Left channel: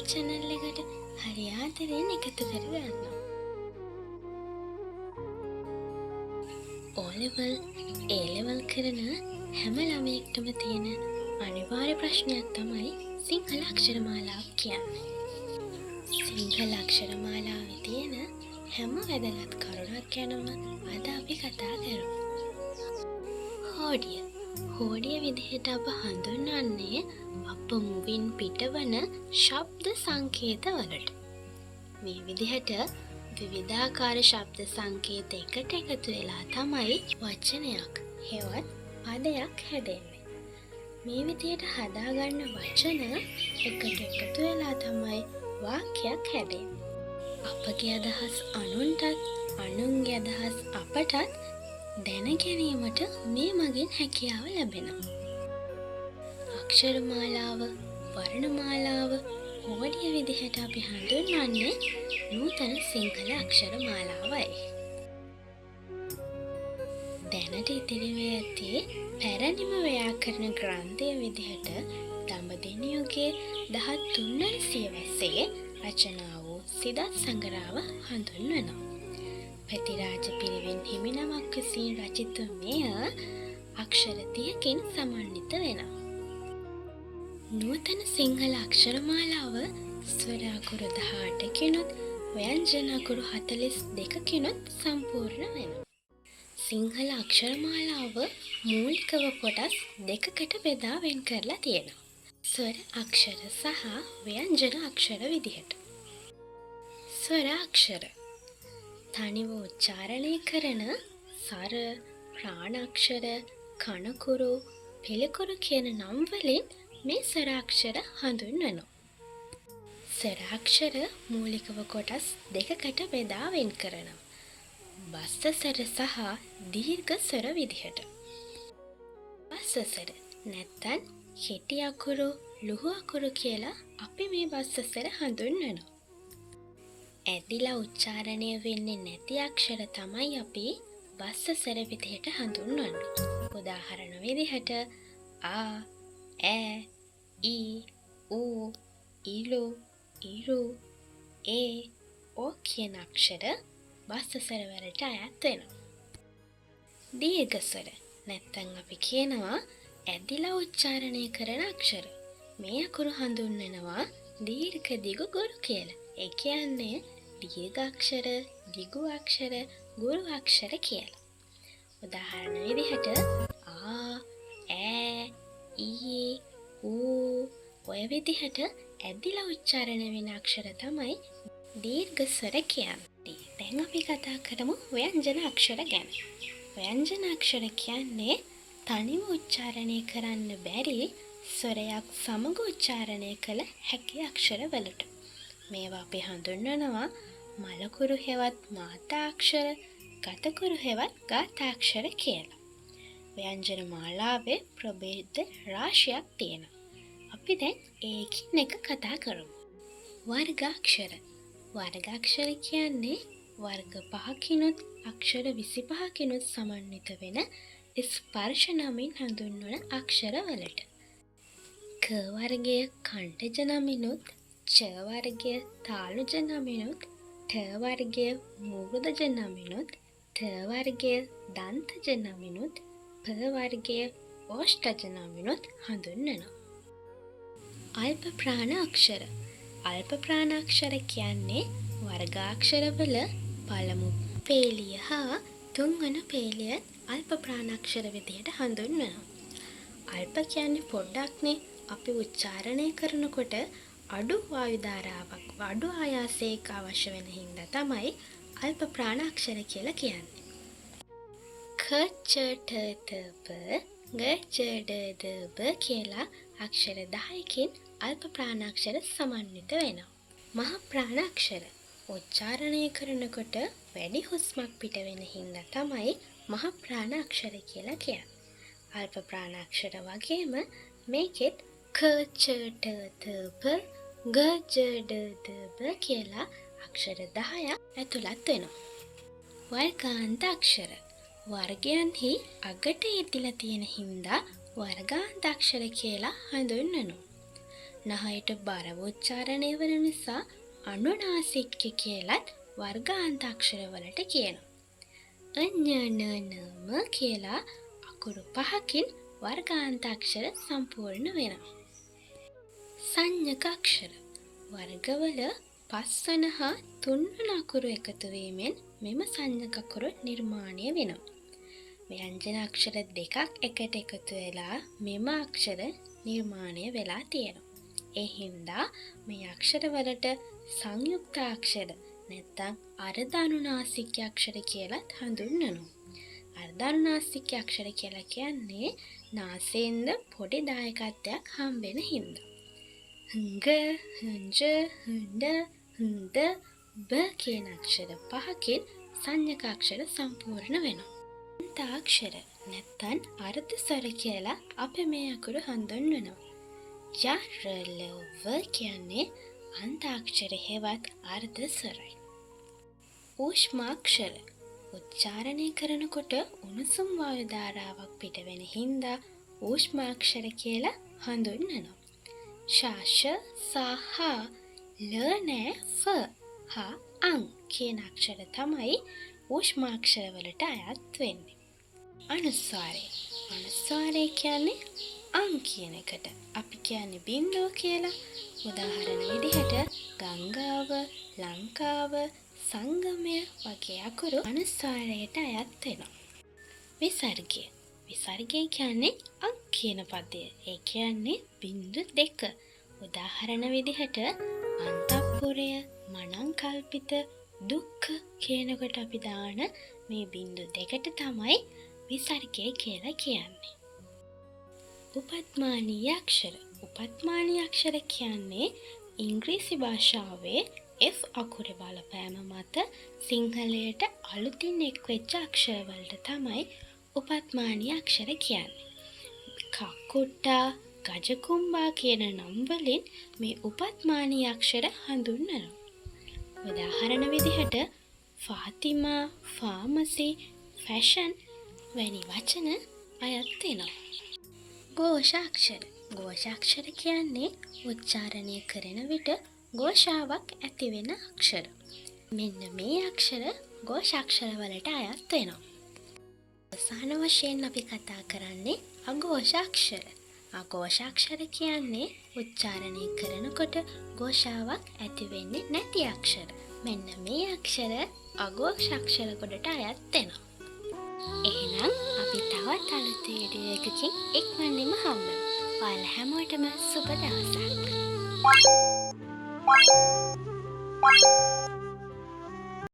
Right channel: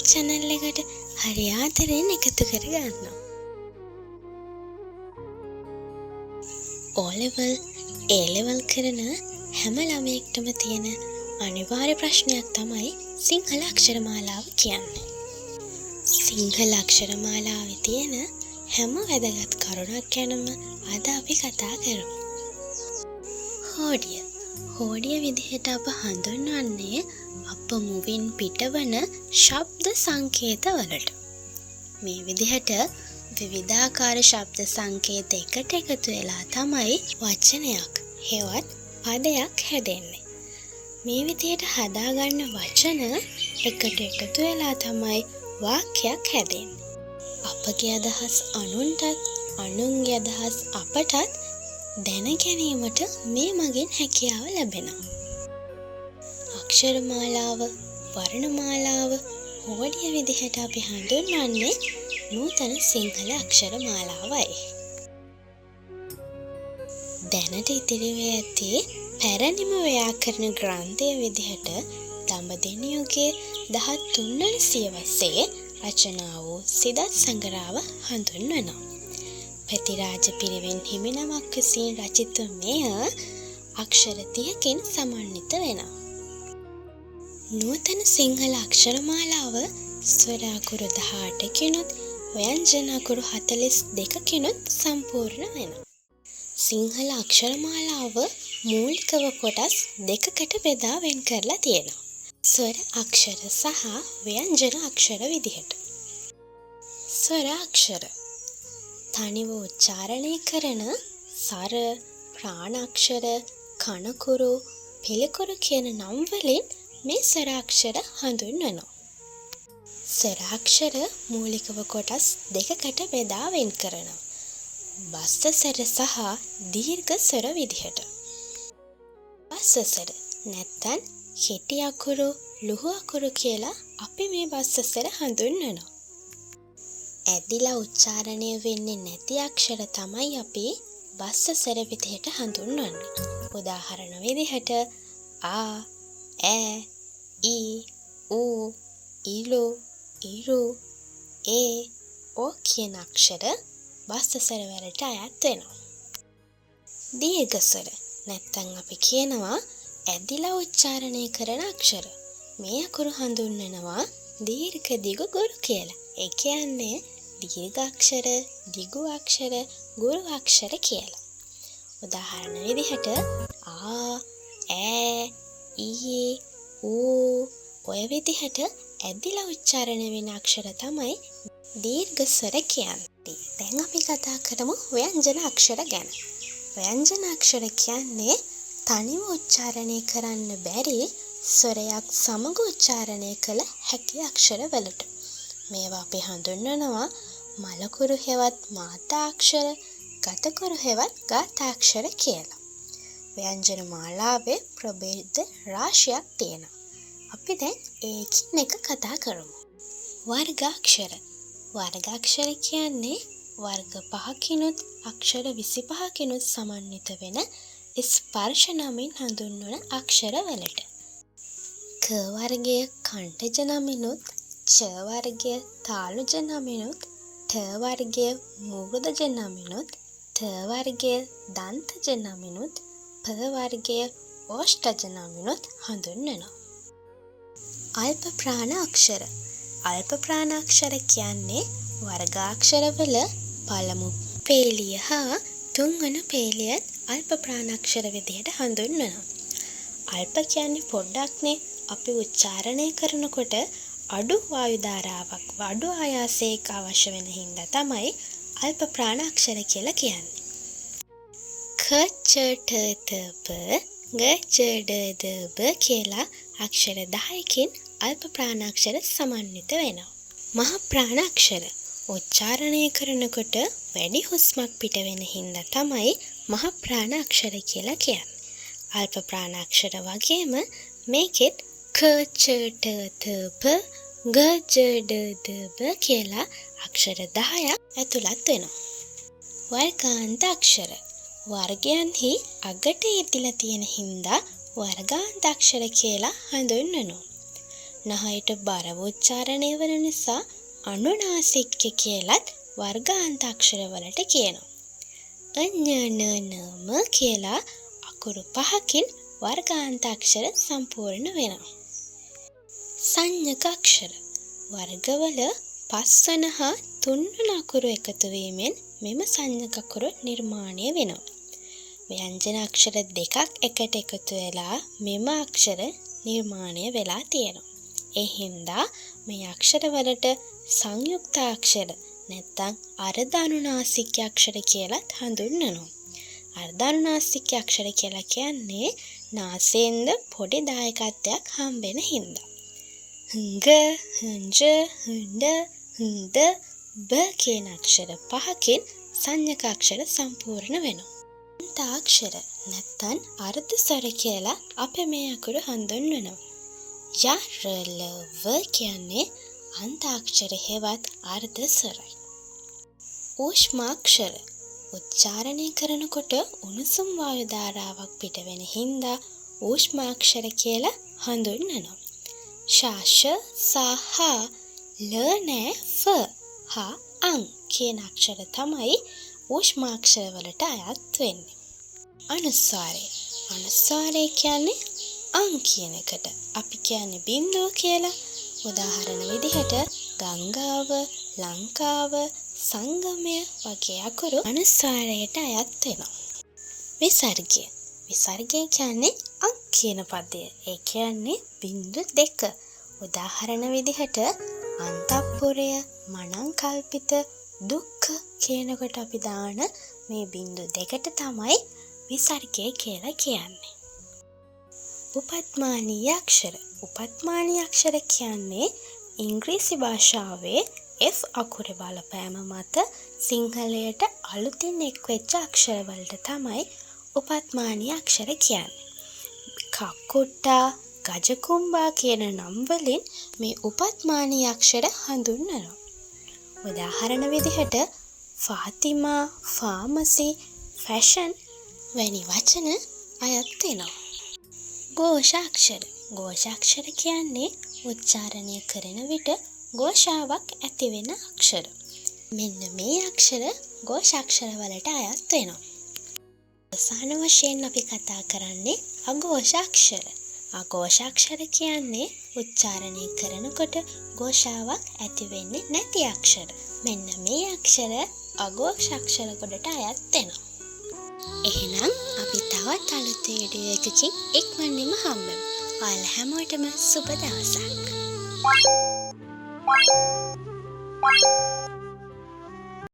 YouTube channel එකට හරි ආදරෙන් එකතු කරගන්නවා. O level, A level කරන හැම ළමයෙක්ටම තියෙන අනිවාර්ය ප්‍රශ්නයක් තමයි සිංහල අක්ෂරමාලාව කියන්නේ. සිංහල අක්ෂරමාලාවේ තියෙන හැම වැදගත් කරුණක් ගැනම අද අපි කතා කරමු. හෝඩිය. හෝඩිය විදිහට අප හඳුන්වන්නේ අප මුවින් පිටවන ශබ්ද සංකේත වලට. මේ විදිහට විවිධාකාර ශබ්ද සංකේත එකට එකතු වෙලා තමයි වචනයක් හෙවත් පදයක් හැදෙන්නේ. මේ විදිහට හදාගන්න වචන එකට එකතු වෙලා තමයි වාක්‍යයක් හැදෙන්නේ. අපගේ අදහස් අනුන්ටත් අනුන්ගේ අදහස් අපටත් දැන ගැනීමට මේ මගින් හැකියාව ලැබෙනවා. අක්ෂරමාලාව, වර්ණමාලාව, හෝඩිය විදිහට අපි හඳුන්වන්නේ නූතන සිංහල අක්ෂරමාලාවයි. දැනට ඉතිරිව ඇති පැරණිම ව්‍යාකරණ ග්‍රන්ථය විදිහට දඹදෙණි යුගයේ 13 වන සියවසේ රචනා වූ සිදත් සංගරාව හඳුන්වනවා. ප්‍රතිරාජ පිරිවෙන් හිමිනමක් විසින් රචිත මෙය අක්ෂර 30කින් සමන්විත වෙනවා. නූතන සිංහල අක්ෂරමාලාව ස්වර අකුරු 18කිනුත් ව්‍යංජන අකුරු 42කිනුත් සම්පූර්ණ වෙනවා. සිංහල අක්ෂරමාලාව මූලිකව කොටස් දෙකකට බෙදා වෙන් කරලා තියෙනවා. ස්වර අක්ෂර සහ ව්‍යංජන අක්ෂර විදිහට. ස්වර අක්ෂර තනිව උච්චාරණය කරන සර, ප්‍රාණාක්ෂර, කණකුරු, පිළිකුරු කියන නම් වලින් මේ ස්වර අක්ෂර හඳුන්වනවා. ස්වර අක්ෂර මූලිකව කොටස් දෙකකට බෙදා වෙන් කරනවා. බස්ස ස්වර සහ දීර්ඝ ස්වර විදිහට. බස්ස ස්වර නැත්නම් කෙටි අකුරු, ලුහු අකුරු කියලා අපි මේ බස්ස ස්වර හඳුන්වනවා. ඇදිලා උච්චාරණය වෙන්නේ නැති අක්ෂර තමයි අපි බස්ස ස්වර විදිහට හඳුන්වන්නේ. උදාහරණ විදිහට ආ, ඈ, ඊ, ඌ, ඊලු, ඉරු, ඒ, ඕ කියන අක්ෂර බස්ස ස්වර වලට අයත් වෙනවා. දීර්ඝ ස්වර නැත්නම් අපි කියනවා ඇදිලා උච්චාරණය කරන අක්ෂර. මේ අකුරු හඳුන්වනවා දීර්ඝ දිගු ගුරු කියලා. ඒ කියන්නේ දීර්ඝ අක්ෂර, දිගු අක්ෂර, ගුරු අක්ෂර කියලා. උදාහරණ විදිහට ආ, ඈ, ඊ, ඌ ඔය විදිහට ඇදිලා උච්චාරණය වෙන අක්ෂර තමයි දීර්ඝ ස්වර කියන්නේ. දැන් අපි කතා කරමු ව්‍යංජන අක්ෂර ගැන. ව්‍යංජන අක්ෂර කියන්නේ තනිව උච්චාරණය කරන්න බැරි ස්වරයක් සමග උච්චාරණය කළ හැකි අක්ෂර වලට. මේවා අපි හඳුන්වනවා මලකුරු හෙවත් මාතා අක්ෂර, ගතකුරු හෙවත් ගාථාක්ෂර කියලා. ව්‍යංජන මාලාවේ ප්‍රභේද රාශියක් තියෙනවා. අපි දැන් ඒකින් එක කතා කරමු. වර්ගාක්ෂර. වර්ගාක්ෂර කියන්නේ වර්ග 5කිනුත් අක්ෂර 25කිනුත් සමන්විත වෙන ස්පර්ශ නමින් හඳුන්වන අක්ෂර වලට. ක වර්ගය කණ්ඨජ නමිනුත්, ච වර්ගය තාලුජ නමිනුත්, ඨ වර්ගය මූර්ධජ නමිනුත්, ථ වර්ගය දන්තජ නමිනුත්, ප වර්ගය ඕෂ්ඨජ නමිනුත් හඳුන්වනවා. අල්ප ප්‍රාණ අක්ෂර. අල්ප ප්‍රාණ අක්ෂර කියන්නේ වර්ගාක්ෂරවල පළමු පේලිය හා තුන්වන පේලියත් අල්ප ප්‍රාණාක්ෂර විදිහට හඳුන්වනවා. අල්ප කියන්නේ පොඩ්ඩක්නේ. අපි උච්චාරණය කරනකොට අඩු වායු ධාරාවක්, අඩු ආයාසයක අවශ්‍ය වෙන හින්දා තමයි අල්ප ප්‍රාණාක්ෂර කියලා කියන්නේ. ක, ච, ඨ, ත, ප, ග, ච, ඩ, ද, බ කියලා අක්ෂර 10කින් අල්ප ප්‍රාණාක්ෂර සමන්විත වෙනවා. මහ ප්‍රාණාක්ෂර උච්චාරණය කරනකොට වැඩි හුස්මක් පිට වෙන හින්දා තමයි මහ ප්‍රාණාක්ෂර කියලා කියන්නේ. අල්ප ප්‍රාණාක්ෂර වගේම මේකෙත් ක, ච, ඨ, ත, ප, ග, ච, ඩ, ද, බ කියලා අක්ෂර 10ක් ඇතුළත් වෙනවා. වර්ගාන්ත අක්ෂර වර්ගයන්හි අගට යෙදිලා තියෙන හින්දා වර්ගාන්ත අක්ෂර කියලා හඳුන්වනවා. නහයට බරව උච්චාරණය වන නිසා අනුනාසික්‍ය කියලත් වර්ගාන්තාක්ෂර වලට කියනවා. ඤ කියලා අකුරු 5කින් වර්ගාන්තාක්ෂර සම්පූර්ණ වෙනවා. සංඥක අක්ෂර වර්ගවල 5 වන හා 3 වන අකුරු එකතු වීමෙන් මෙම සංඥක අකුරු නිර්මාණය වෙනවා. ව්‍යංජන අක්ෂර දෙකක් එකට එකතු වෙලා මෙම අක්ෂර නිර්මාණය වෙලා තියෙනවා. ඒ හින්දා මේ අක්ෂර වලට සංයුක්තාක්ෂර නැත්නම් අර්ධානුනාසික අක්ෂර කියලා හඳුන්වනවා. අර්ධානුනාසික අක්ෂර කියලා කියන්නේ නාසයෙන්ද පොඩි දායකත්වයක් හම්බෙන හින්දා. හංග, හංජ, හඬ, හඳ, බ කියන අක්ෂර 5කින් සංඥක අක්ෂර සම්පූර්ණ වෙනවා. අන්තාක්ෂර නැත්නම් අර්ධ ස්වර කියලා අපි මේ අකුරු හඳුන්වනවා. ය, ර, ල, ව කියන්නේ අන්තාක්ෂර හෙවත් අර්ධ ස්වරයි. ඌෂ්මාක්ෂර උච්චාරණය කරනකොට උණුසුම් වායු ධාරාවක් පිට වෙන හින්දා ඌෂ්මාක්ෂර කියලා හඳුන්වනවා. ශාෂ, සහ, ල, නෑ, ෆ, හ, අං කියන අක්ෂර තමයි ඌෂ්මාක්ෂර වලට අයත් වෙන්නේ. අනුස්වාරය. අනුස්වාරය කියන්නේ අං කියන එකට අපි කියන්නේ බිංදුව කියලා. උදාහරණ විදිහට ගංගාව, ලංකාව, සංගමය වගේ අකුරු අනුස්වාරයට අයත් වෙනවා. විසර්ගය. විසර්ගය කියන්නේ අං කියන පදය. ඒ කියන්නේ බිංදු 2. උදාහරණ විදිහට අන්තපුරය, මනංකල්පිත, දුක්ඛ කියනකොට අපි දාන මේ බිංදු 2ට තමයි විසර්ගය කියලා කියන්නේ. උපත්මානීය අක්ෂර. උපත්මානීය අක්ෂර කියන්නේ ඉංග්‍රීසි භාෂාවේ F අකුර බලපෑම මත සිංහලයට අලුතින් එක්වෙච්ච අක්ෂර වලට තමයි උපත්මානීය අක්ෂර කියන්නේ. කක්කුට්ටා, ගජකුම්බා කියන නම් වලින් මේ උපත්මානීය අක්ෂර හඳුන්වනවා. උදාහරණ විදිහට ෆාතිමා, ෆාමසි, ෆැෂන් වැනි වචන අයත් වෙනවා. ഘോഷාක්ෂර. ഘോഷාක්ෂර කියන්නේ උච්චාරණය කරන විට ഘോഷාවක් ඇති වෙන අක්ෂර. මෙන්න මේ අක්ෂර ഘോഷාක්ෂර වලට අයත් වෙනවා. අවසාන වශයෙන් අපි කතා කරන්නේ අഘോഷාක්ෂර. අഘോഷාක්ෂර කියන්නේ උච්චාරණය කරනකොට ഘോഷාවක් ඇති වෙන්නේ නැති අක්ෂර. මෙන්න මේ අක්ෂර අഘോഷාක්ෂර කොටට අයත් වෙනවා. එහෙනම් අපි තවත් අලුත් වීඩියෝ එකකින් ඉක්මනින්ම හම්බෙමු. ඔයාලා හැමෝටම සුබ දවසක්.